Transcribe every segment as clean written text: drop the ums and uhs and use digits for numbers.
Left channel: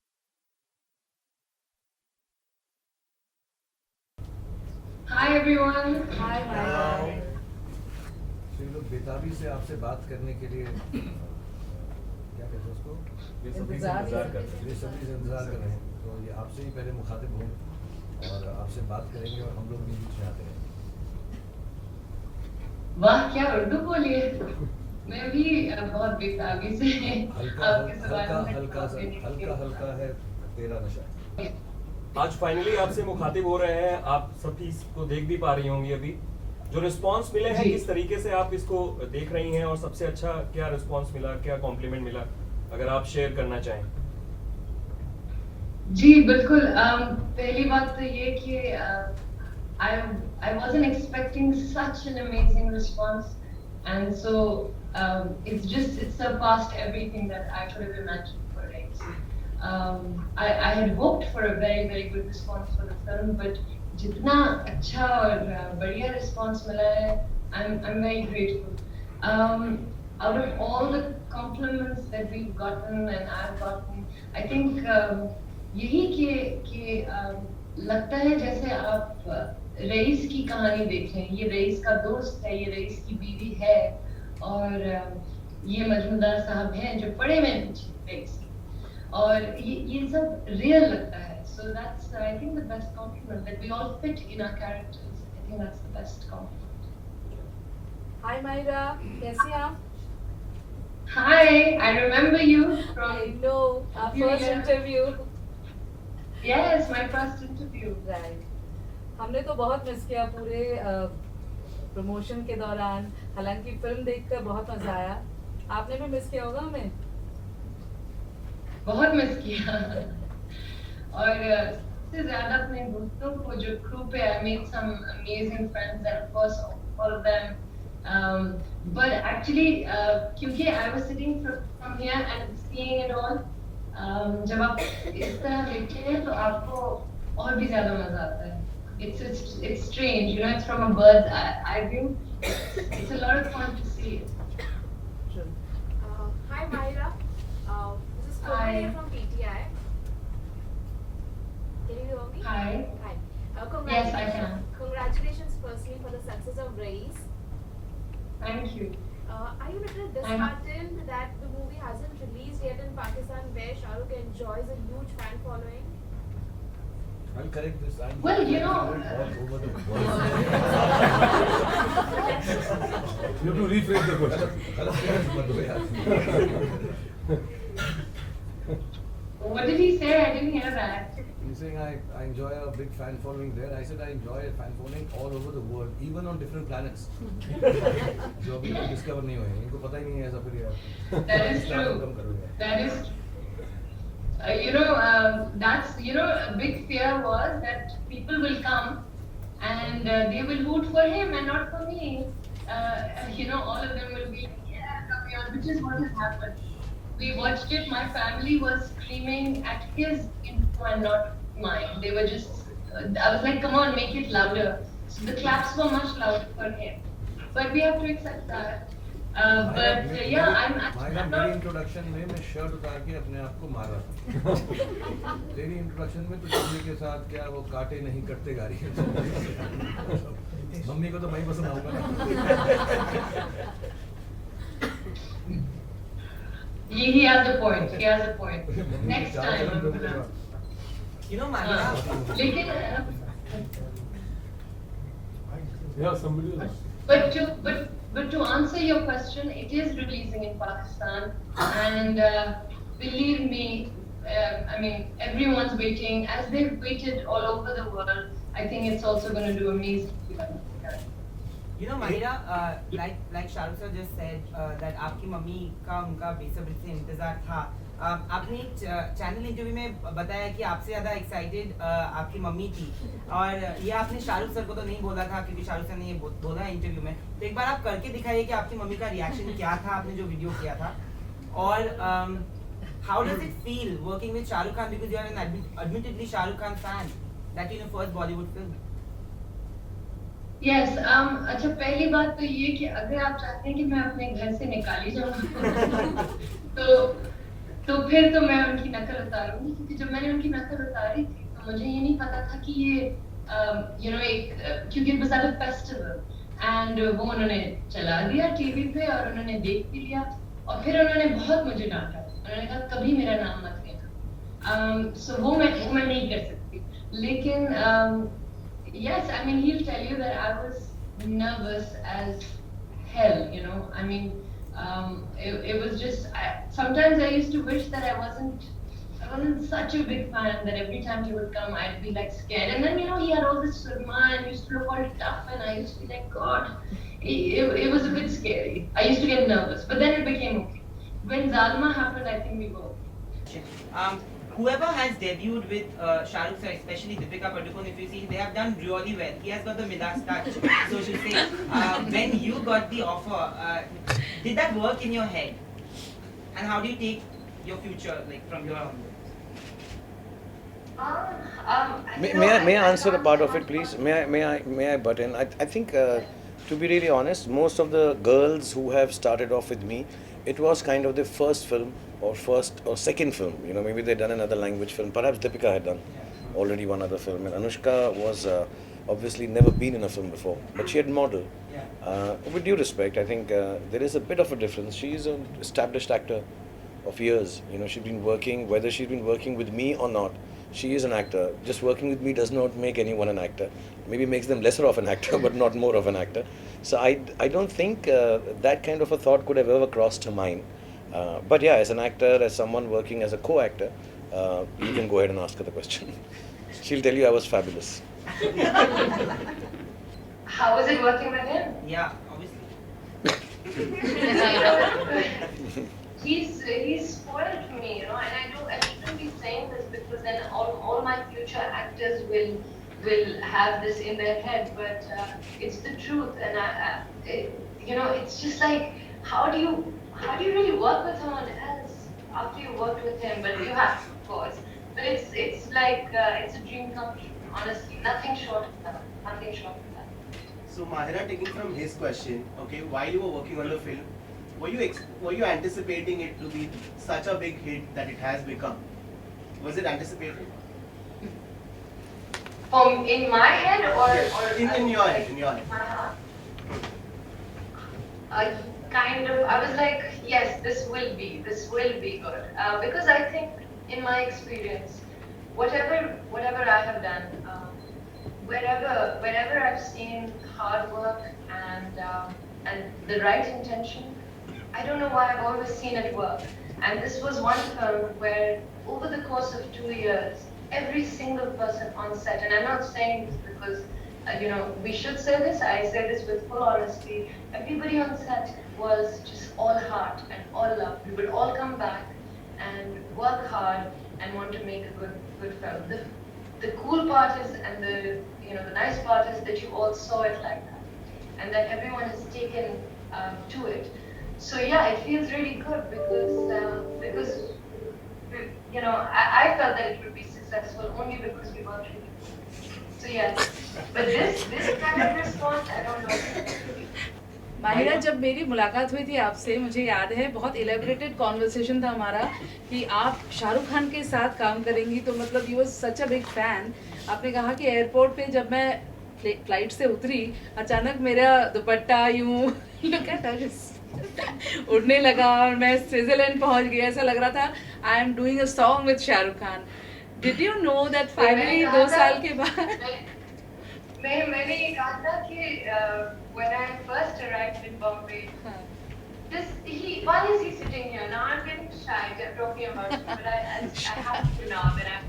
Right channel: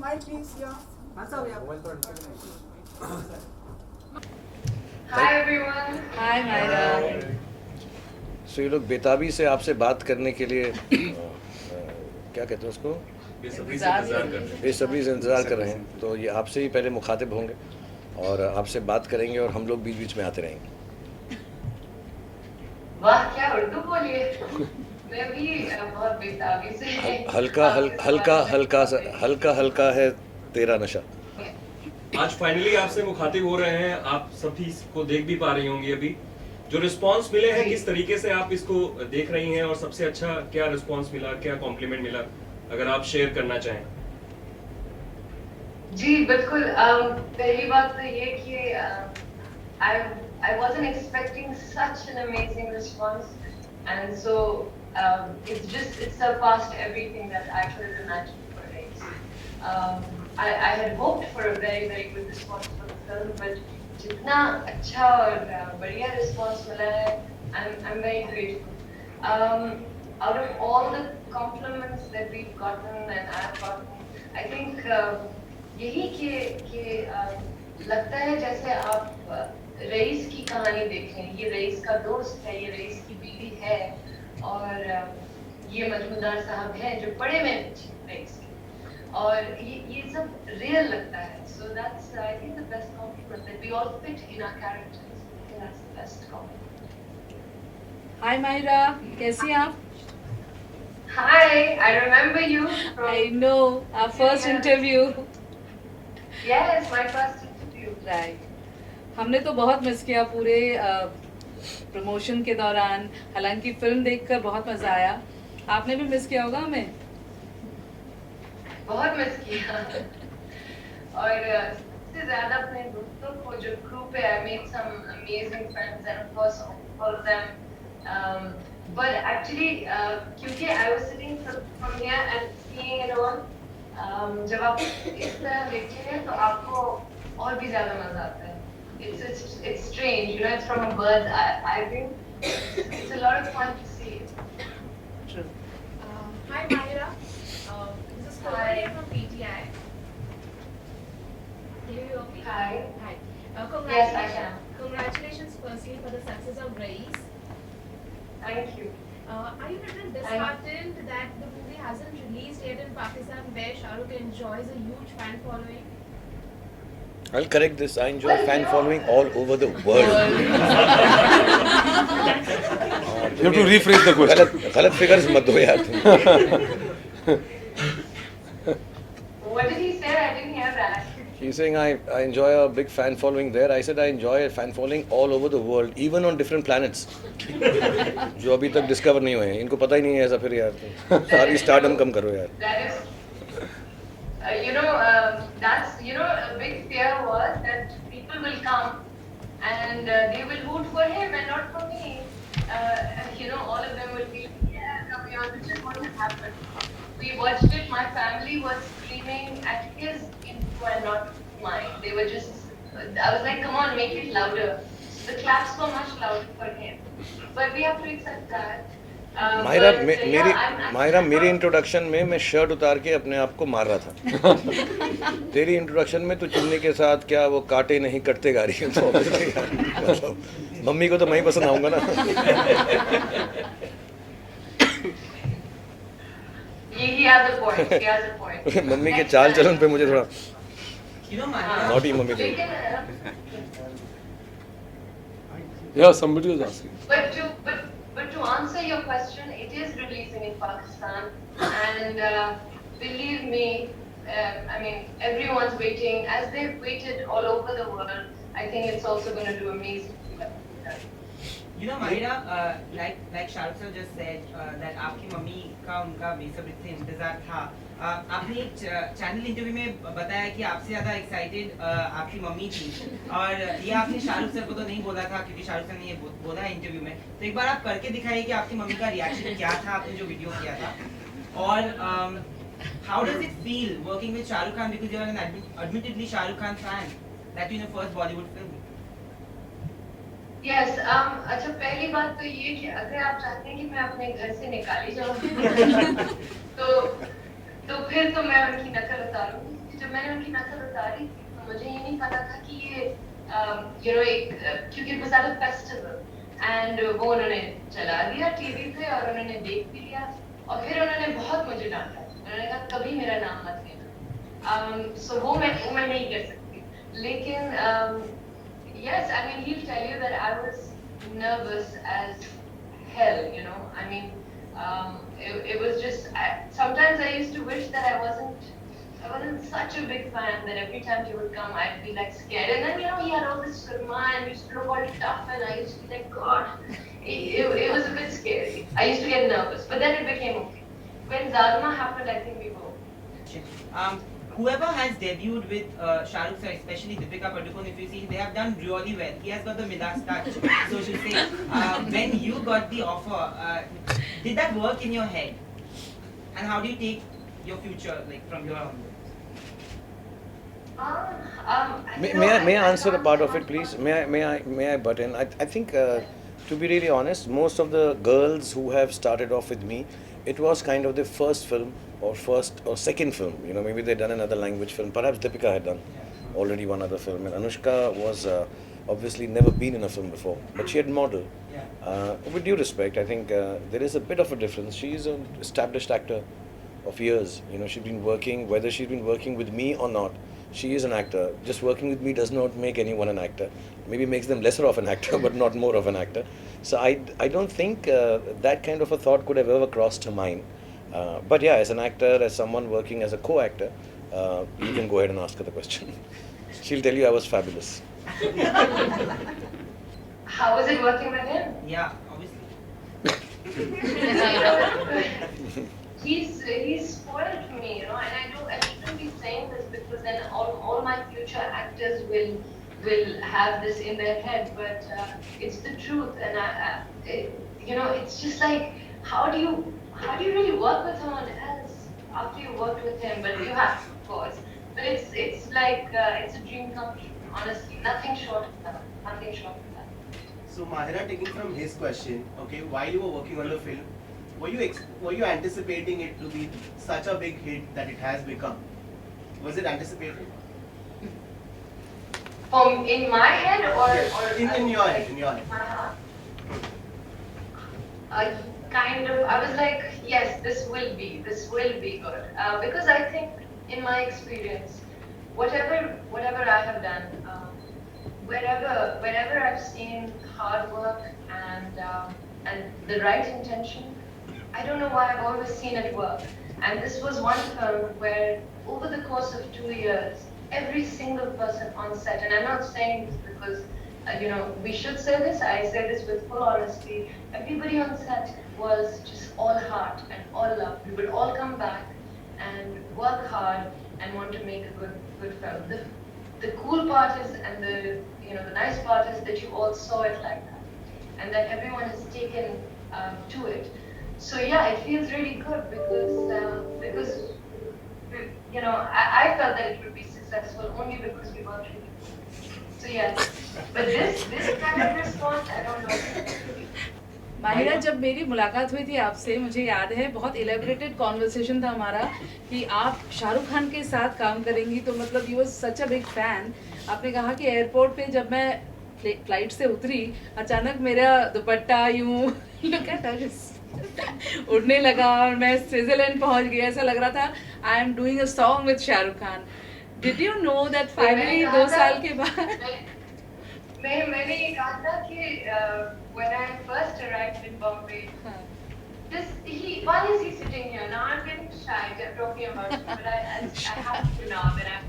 smile please. Yeah. Hi everyone. Hi Myra. सो ये लोग बेताबी से आपसे बात करने के लिए क्या कहते हैं उसको, बेसब्री से इंतज़ार कर रहे हैं। तो ये आपसे ही पहले मुखातिब होंगे और आपसे बात करेंगे और हम लोग बीच बीच में आते रहेंगे। वाह क्या उर्दू बोली है। मैं भी बहुत बेताबी से हल्का हल्का है तेरा नशा। आज फाइनली आपसे मुखातिब हो रहे हैं, आप सभी इसको देख भी पा रही होंगी। अभी जो रिस्पांस मिले हैं, किस तरीके से आप इसको देख रही हैं और सबसे अच्छा क्या रिस्पांस मिला, क्या कॉम्प्लीमेंट मिला, अगर आप शेयर करना चाहें। जी बिल्कुल। पहली बात तो ये कि I wasn't expecting such an amazing response, and so it's surpassed everything that I could have imagined for it. I had hoped for a very good response for the film, but जितना अच्छा और बढ़िया response मिला है, I'm very grateful. Out of all the compliments that we've gotten and I've gotten, I think यही कि लगता है जैसे आप रईस की कहानी देख रहे हैं। ये रईस का दोस्त है, ये रईस की बीवी है और ये मजूमदार साहब हैं जो बड़े में पीछे रईस के, और ये सब रियल लगता है। So that's I think the best compliment that we all fit in our characters. I think that's the best compliment. Hi Myra, कैसी हैं आप? Hi, I remember you from I know, our first interview. Yes, my first interview. Right. हमने तो बहुत miss किया पूरे promotion के दौरान, हालांकि फिल्म देखकर बहुत मजा आया। आपने भी मिस किया होगा हमें? बहुत मिस किया और सबसे ज्यादा अपने दोस्तों को जो crew पे I made some amazing friends and of course all of them, but actually क्योंकि I was sitting from here and seeing it all, जब आप इस तरह देखते हैं तो आपको और भी ज्यादा मजा आता है। It's strange, you know, it's from a bird's eye view. It's a lot of fun to see it. True. Hi Myra, this is Hi. Komal from PTI. Can you hear me? Hi. Hi. Yes, I can. Congratulations firstly for the success of Race. Thank you. Are you a little disheartened that the movie hasn't released yet in Pakistan, where Shah Rukh enjoys a huge fan following? I'll correct this. I enjoy Well, fan you know- following all over the world. You have to rephrase the question. गलत figures मत दो यार तुम। What did he say? I didn't hear that. He's saying I enjoy a big fan following there. I said I enjoy a fan following all over the world, even on different planets. जो अभी तक discover नहीं हुए हैं, इनको पता ही नहीं है ऐसा। फिर यार सारी स्टारडम कम करो यार। That is, you know, that's, you know, a big fear was that people will come and they will vote for him and not for me. You know, all of them will be, yeah, come here, which is what has happened. We watched it, my family was screaming at his intro and not mine. They were just, I was like, come on, make it louder. So the claps were much louder for him. But we have to accept that. Myra But, yeah, Myra मेरी introduction में मैं shirt उतार के अपने आप को मार रहा था। तेरी इंट्रोडक्शन में तो चुन्नी के साथ क्या वो काटे नहीं कटते गा रही है। तो मतलब मम्मी को तो मैं ही पसंद आऊंगा ना। He has a point. He has a point. Mummy के Next चाल time. चलन पे मुझे थोड़ा नॉटी मम्मी को। लेकिन Yeah, somebody was asking. but to answer your question, it is releasing in Pakistan, and believe me, I mean everyone's waiting as they've waited all over the world. I think it's also going to do amazing. You know, Myra, like Shah Rukh sir just said that आपकी mummy का उनका बेसब्री से इंतजार था। आपने एक channel interview में बताया कि आपसे ज़्यादा एक्साइटेड आपकी मम्मी थी, और ये आपने शाहरुख सर को तो नहीं बोला था क्योंकि शाहरुख सर ने ये बोला है इंटरव्यू में। तो एक बार आप करके दिखाइए कि आपकी मम्मी का रिएक्शन क्या था, आपने जो वीडियो किया था। और how does it feel working with Shah Rukh Khan, because you are an admittedly Shah Rukh Khan fan, that in your first Bollywood film? Yes, अच्छा पहली बात तो ये कि अगर आप चाहते हैं कि मैं अपने घर से निकाली जाऊँ तो फिर तो मैं उनकी नकल उतारूंगी, क्योंकि जब मैंने उनकी नकल उतारी थी तो मुझे ये नहीं पता था कि ये क्योंकि it was at a festival and वो उन्होंने चला दिया टीवी पे और उन्होंने देख भी लिया और फिर उन्होंने बहुत मुझे डांटा, उन्होंने कहा कभी मेरा नाम मत लेना। सो वो मैं नहीं कर सकती, लेकिन yes, I mean he'll tell you that I was nervous as hell, you know. I mean, it was just. Sometimes I used to wish that I wasn't such a big fan. That every time he would come, I'd be like scared. And then he had all this surma and used to look all tough, and I used to be like, God, it was a bit scary. I used to get nervous, but then it became okay. When Zalma happened, I think we were. Whoever has debuted with Shah Rukh sir, especially Deepika Padukone, if you see, they have done really well. He has got the Midas touch, so to say. When you got the offer, did that work in your head? And how do you take your future, like from here onwards? May I answer a part of it, please? May I butt in? I think, to be really honest, most of the girls who have started off with me, it was kind of their first film or second film. You know, maybe they'd done another language film. Perhaps Deepika had done already one other film, and Anushka was obviously never been in a film before, but she had modeled. With due respect, I think there is a bit of a difference. She's an established actor of years. You know, she's been working, whether she's been working with me or not. She is an actor. Just working with me does not make anyone an actor. Maybe makes them lesser of an actor, but not more of an actor. So I don't think that kind of a thought could have ever crossed her mind. But yeah, as an actor, as someone working as a co-actor, you can go ahead and ask her the question. She'll tell you I was fabulous. How was it working with him? Yeah, obviously. He's spoiled me, you know, and I shouldn't be saying this because then all my future actors will have this in their head, but it's the truth, and it's just like how do you really work with someone else after you worked with him? But you have to, of course. But it's like it's a dream come true. Honestly, nothing short of that. Nothing short of that. So Mahira, taking from his question, okay, while you were working on the film, were you anticipating it to be such a big hit that it has become? Was it anticipated? In my head or in your head, in your head. My heart. Kind of. I was like, yes, this will be good. Because I think, in my experience, whatever I have done, wherever I've seen hard work and the right intention, I don't know why I've always seen it work. And this was one film where, over the course of 2 years, every single person on set, and I'm not saying this because, we should say this, I say this with full honesty, everybody on set was just all heart and all love. We would all come back and work hard and want to make a good film. The cool part is, and the nice part is that you all saw it like that, and that everyone has taken to it. So yeah, it feels really good because I felt that it would be successful only because we worked really good. So yeah, but this kind of response, I don't know. Mahira, जब मेरी मुलाकात हुई थी आपसे, मुझे याद है बहुत इलेबरेटेड कॉन्वर्सेशन था हमारा कि आप शाहरुख खान के साथ काम करेंगी, तो मतलब you was such a big fan. आपने कहा कि एयरपोर्ट पे जब मैं फ्लाइट से उतरी, अचानक मेरा दुपट्टा यूं उड़ने लगा और मैं स्विट्जरलैंड पहुंच गई। ऐसा लग रहा था I am doing a song with Shahrukh Khan. Did you know that finally 2 साल के बाद? मैंने ये कहा था कि when I first arrived in Bombay, why is he sitting here? Now I'm getting shy talking about it, but I have to now that I'm.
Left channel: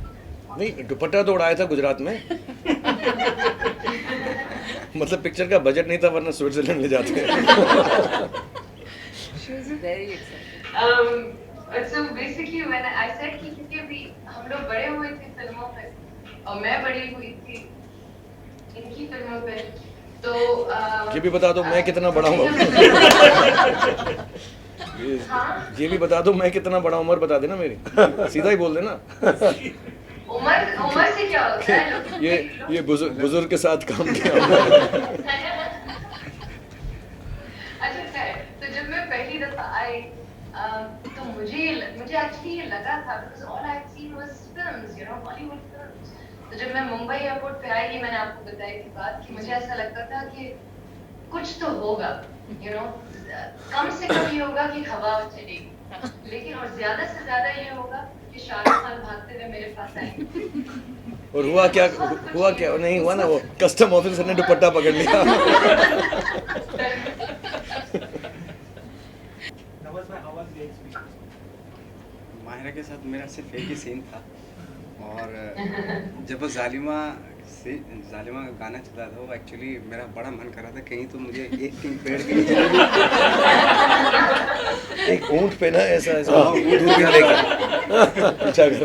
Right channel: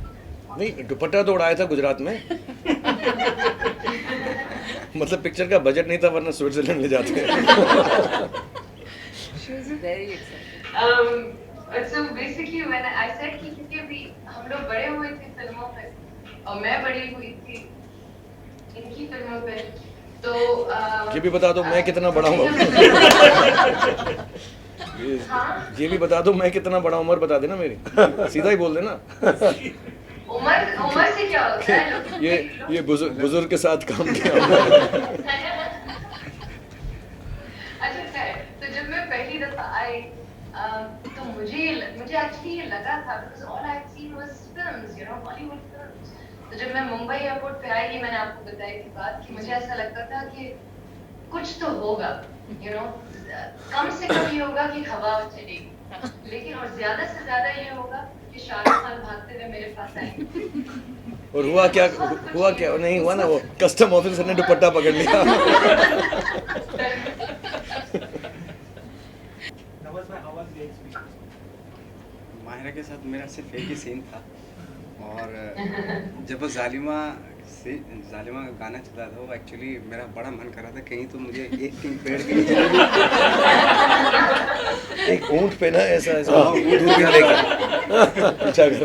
नहीं, दुपट्टा तो उड़ाया था गुजरात में। मतलब पिक्चर का बजट नहीं था, वरना स्विट्जरलैंड ले जाते। She was very excited. So basically when I said कि क्योंकि अभी हम लोग बड़े हुए थे फिल्मों पे और मैं बड़ी हुई थी इनकी फिल्मों पे, तो ये भी बता दो मैं कितना बड़ा हूँ। ये भी बता दो मैं कितना बड़ा, उम्र बता देना मेरी, सीधा ही बोल देना। उम्र से क्या होता है? ये बुजुर्ग के साथ काम किया। अच्छा खैर, तो जब मैं पहली दफा आई तो मुझे मुझे एक्चुअली ये लगा था because all I had seen was films, you know, Bollywood films. तो जब मैं मुंबई एयरपोर्ट पे आई, मैंने आपको बताई थी बात कि मुझे ऐसा लगता था कि कुछ तो होगा, you know, कम से कम ये होगा कि हवा चलेगी, लेकिन और ज्यादा से ज्यादा ये होगा कि शाहरुख खान भागते हुए मेरे पास आएंगे. और हुआ क्या नहीं हुआ ना, वो कस्टम ऑफिसर ने दुपट्टा पकड़ लिया. माहिरा के साथ मेरा सिर्फ एक ही सीन था, और जब वो जालिमा का गाना चला था, वो एक्चुअली मेरा बड़ा मन कर रहा था कहीं तो मुझे एक कहीं पेड़ के नीचे एक ऊंट पे ना ऐसा दूरबीन लेकर अच्छा कर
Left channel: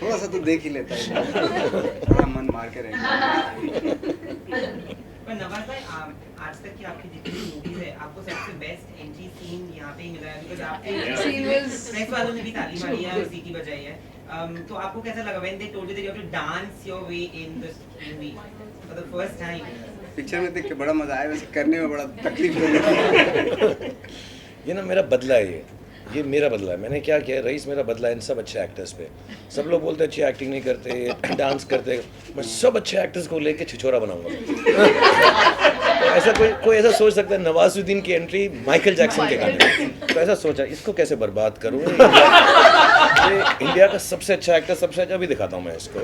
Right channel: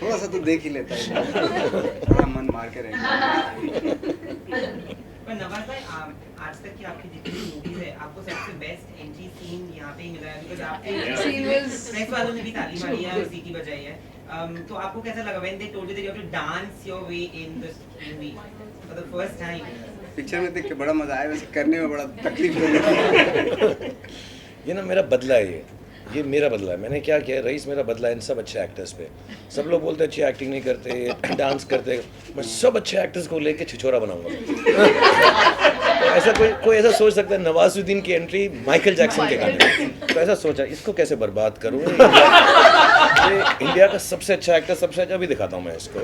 थोड़ा सा तो देख ही लेता है, थोड़ा मन मार के रहेगा. पर नवाज भाई, आज तक की आपकी जितनी मूवीज है, आपको सबसे बेस्ट एंट्री सीन यहाँ पे ही मिला है, बिकॉज़ आपके Scene was- प्रेस वालों ने भी ताली मारी है और सीटी बजाई है. तो आपको कैसा लगा when they told you that you have to dance your way in this movie for the first time? Picture में देख के बड़ा मजा आया, वैसे करने में बड़ा तकलीफ हो रही है. ये ना मेरा बदला है, ये मेरा बदला है. मैंने क्या किया, रईस मेरा बदला है इन सब अच्छे एक्टर्स पे. सब लोग बोलते हैं अच्छी एक्टिंग नहीं करते, डांस करते, मैं सब अच्छे एक्टर्स को लेके छिछोरा बनाऊंगा. तो ऐसा कोई ऐसा सोच सकता है नवाजुद्दीन की एंट्री माइकल जैक्सन के गाने में, तो ऐसा सोचा इसको कैसे बर्बाद करूँ. ये इंडिया का सबसे अच्छा एक्टर, सबसे अच्छा भी दिखाता हूँ मैं इसको.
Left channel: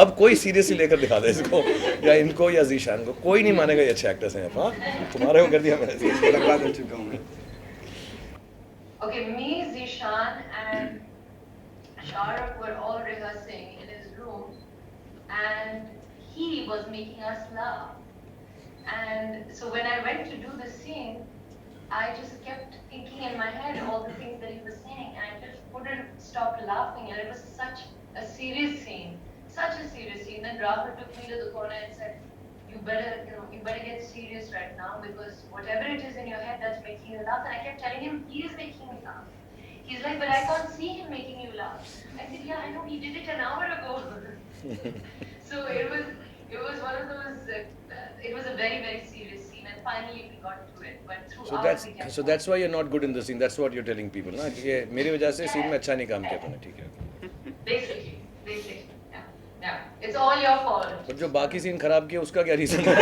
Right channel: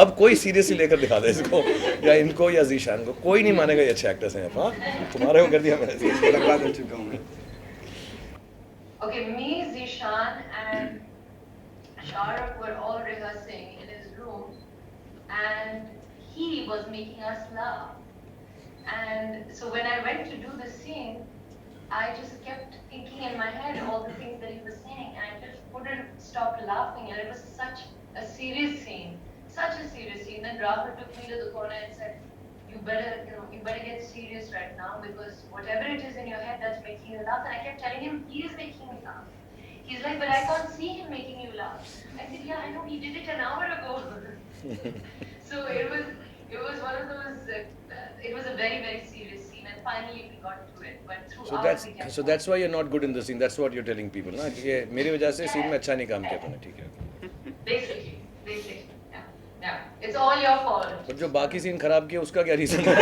अब कोई सीरियसली लेकर दिखा दे इसको, या इनको या जीशान को, कोई नहीं मानेगा ये अच्छे एक्टर्स हैं. हाँ, तुम्हारे को कर दिया मैंने, बर्बाद हो चुका हूँ मैं. Okay, me, Zishan, and Shahrukh were all rehearsing in his room, and he was making us laugh. And so when I went to do the scene, I just kept thinking in my head all the things that he was saying, and I just couldn't stop laughing. And it was such a serious scene, such a serious scene. Then Rahul took me to the corner and said, you better get serious right now, because whatever it is in your head that's making you laugh. And I kept telling him, he is making me laugh. He's like, but I can't see him making you laugh. I said, yeah, I know, he did it an hour ago. So it was one of those, it was a very, very serious scene, and finally we got to it. But throughout so that's why you're not good in the scene. That's what you're telling people, ना कि ये मेरी वजह से scene में अच्छा नहीं काम किया तूने. ठीक है, Basically, yeah, it's all your fault. पर जो बाकी सीन खराब किया उसका क्या रीजन है?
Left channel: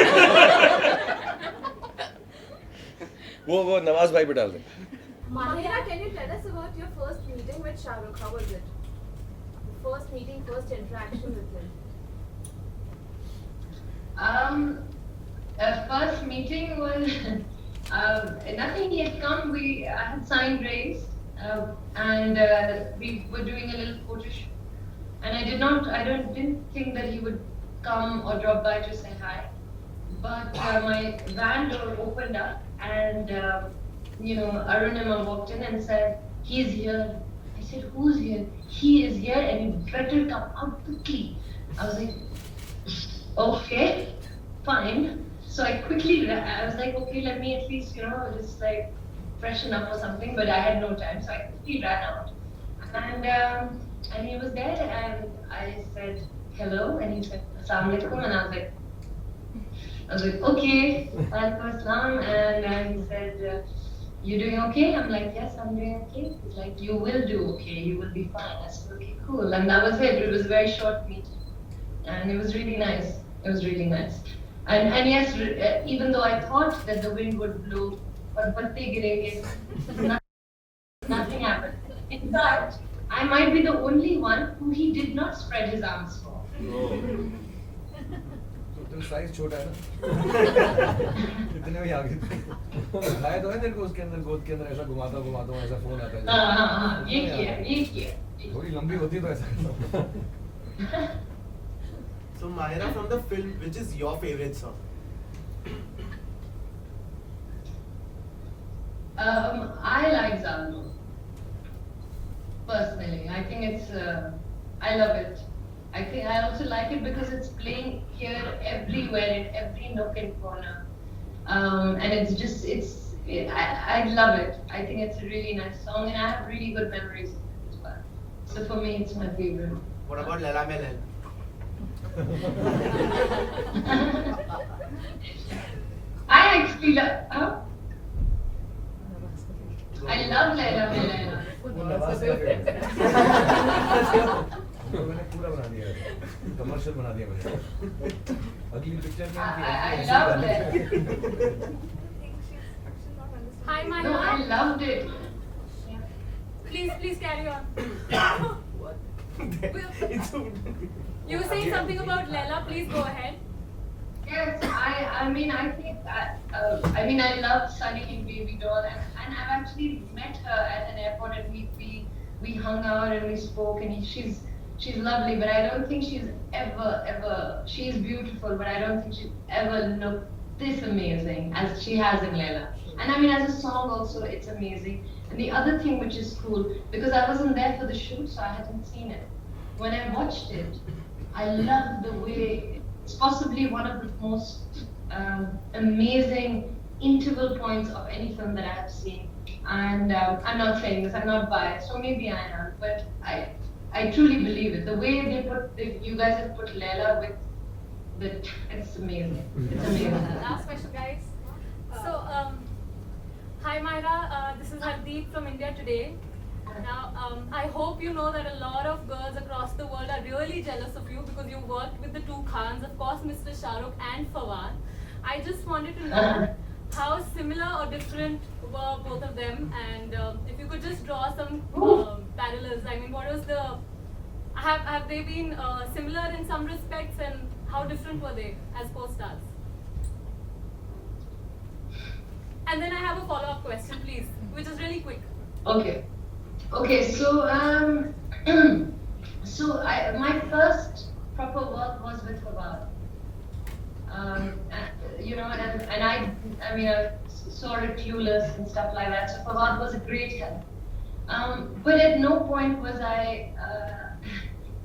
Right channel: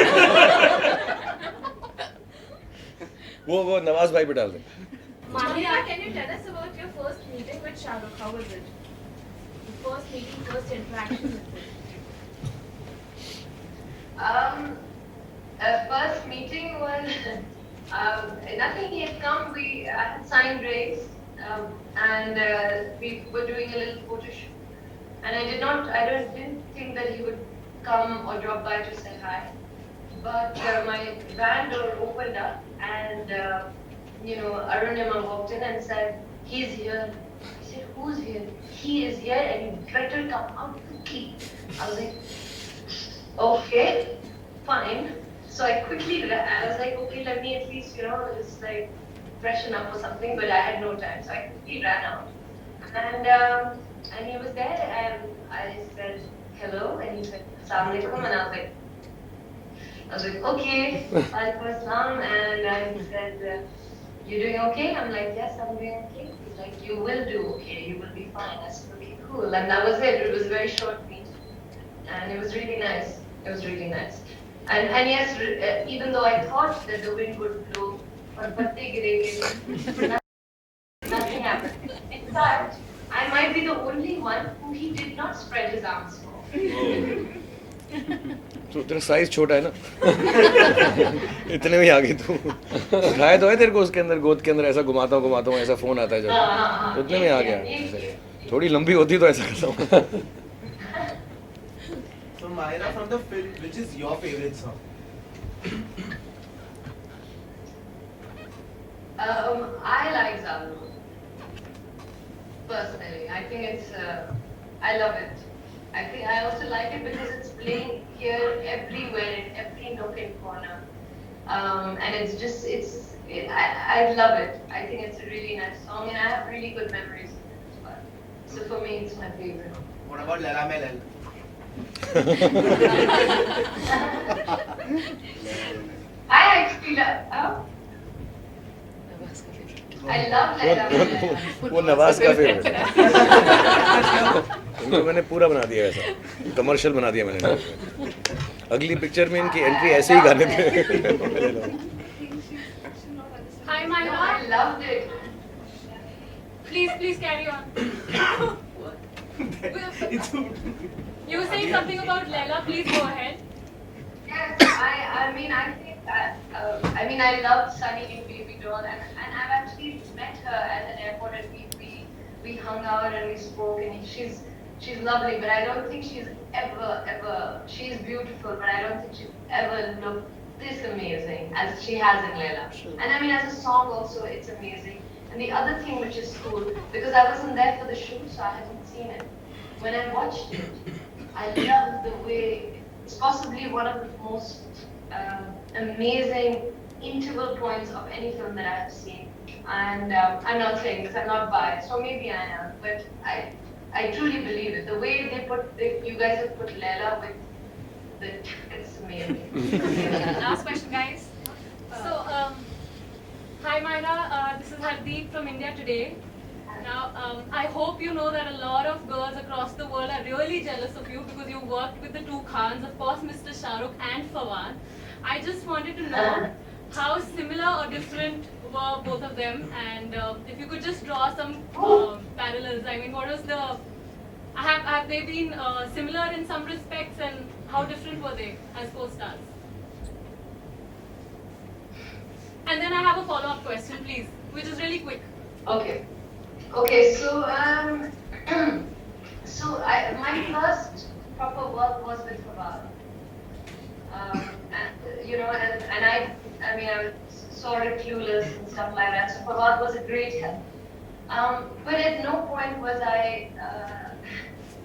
वो नवाज भाई पे डाल दे. Mahira, can you tell us about your first meeting with Shahrukh? How was it? First meeting, first interaction with him. First meeting was nothing. He had come. I had signed Race, and we were doing a little photo shoot. And I didn't think that he would come or drop by to say hi. But my van door opened up, and Arunima walked in and said, "He's here." I said, "Who's here?" "He is here, and you better come out quickly." I was like, "Okay, fine." So I was like, "Okay, let me at least, just like freshen up or something." But I had no time, so I quickly ran out. And he was there, and I said hello, and he said Assalamu alaikum, and I was like, okay, walaikum assalam, and he said, you doing okay? I'm like, yes, I'm doing okay. He's like, you will do okay, you will be fine. I said, okay, cool, and that was it. It was a very short meeting, and it was really nice. It was really nice, and yes, even though I thought that the wind would blow or patte girenge, nothing happened. In fact, I might be the only one who he did not spread his arms for. तो तेरा size छोटा है ना, इतने में आ गई तू. दिखाया तो है तेरे को उसके अंदर, गोद के अंदर ऐसा घुमाता हूँ ऐसा फोन आता है जब, उतने में आ गया. थोड़ी लंबी होती तो ऐसा करता हूँ. So Mahira, from the film, which is your favorite song? I like Zalu. Personally, I think I love it. I think I also like it because it's playing here everywhere in every nook and corner. And it's just, I love it. I think it's a really nice song, and I have really good memories of it as well. So for me, it's my favorite. What about Lala Melal? I actually love, I love Laila. वो नवाज का favourite है। इनको मैंने पूरा बना दिया ऐसा, commercial बना दिया मैंने। अगली पिक्चर में इनकी एंट्री ऐसे ही गाने पे। Hi, No, Mahira. I loved it. Please carry on. You were saying something about Leila. Please go ahead. Yes, I mean, I think I love Sunny in Baby Doll, and I've actually met her at an airport, and we hung out and we spoke, and she's lovely, but I don't think she's ever she's beautiful, but I don't think she's ever looked this amazing as she has in Leila. And I mean, as a song also, it's amazing. And the other thing which is cool, because I wasn't there for the shoot, so I hadn't seen it. When I watched it, I loved the way. It's possibly one of the most amazing interval points of any film that I have seen. And I'm not saying this, I'm not biased, or maybe I am, but I truly believe it. The way you guys have put Leila with it's amazing. It's amazing. Last question, guys. So, hi Mahira, this is Hardeep from India Today. Now, I hope you know that a lot of girls across the world are really jealous of you because you worked with the two Khans, of course, Mr. Shah Rukh and Fawad. I just wanted to know how similar or different were both of them, and if you could just draw some parallels. I mean, what was the have they been similar in some respects, and how different were they as co-stars? And then I have a follow-up question, please, which is really quick. Okay. So my first proper work was with Fawad. And I mean, I was sort of clueless and stuff like that. So Fawad was a great help. But at no point was I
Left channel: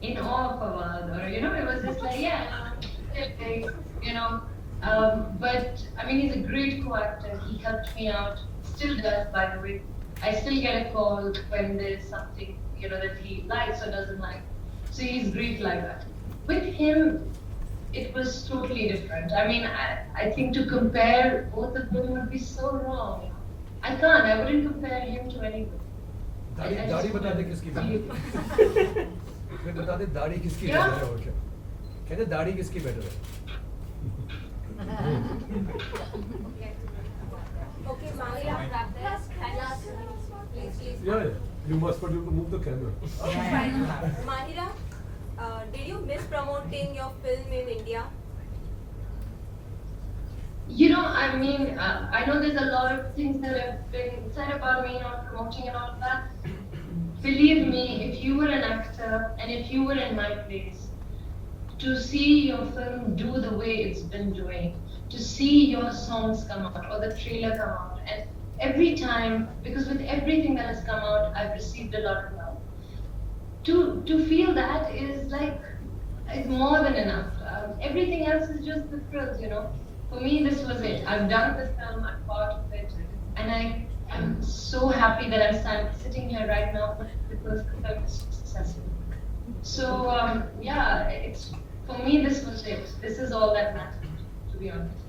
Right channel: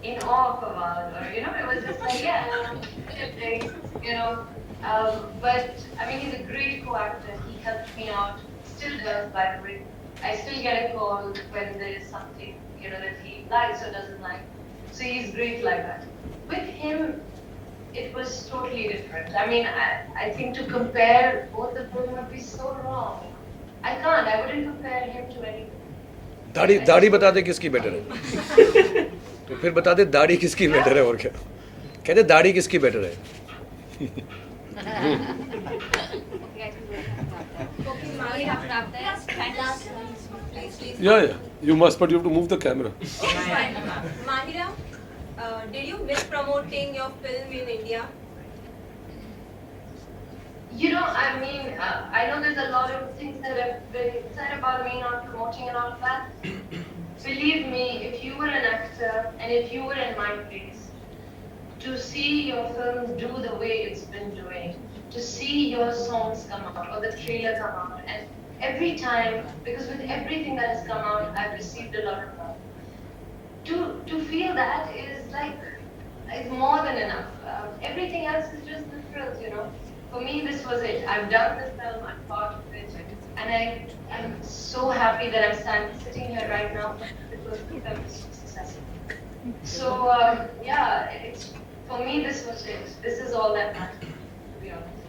in awe of Fawad, or it was just like, but I mean, he's a great co-actor. He helped me out, still does, by the way. I still get a call when there's something, that he likes or doesn't like. So he's great like that. With him, it was totally different. I mean, I think to compare both of them would be so wrong. I wouldn't compare him to anyone. दाढ़ी बता दे किसकी better है। तो फिर बता दे दाढ़ी किसकी better है और क्या। कहते दाढ़ी किसकी बेटर है। Yeah. You must, but you have to move the camera. Mahira, did you miss promoting your film in India? I mean, I know there's a lot of things that have been said about me not promoting and all that. Believe me, if you were an actor and if you were in my place, to see your film do the way it's been doing, to see your songs come out or the trailer come out, and every time, because with everything that has come out, I've received a lot of love. To feel that is like, it's more than enough. Everything else is just the thrills, For me, this was it. I've done the film, I'm part of it, and I'm so happy that I'm sitting here right now because the film is so successful. So, for me, this was it. This is all that matters, to be honest.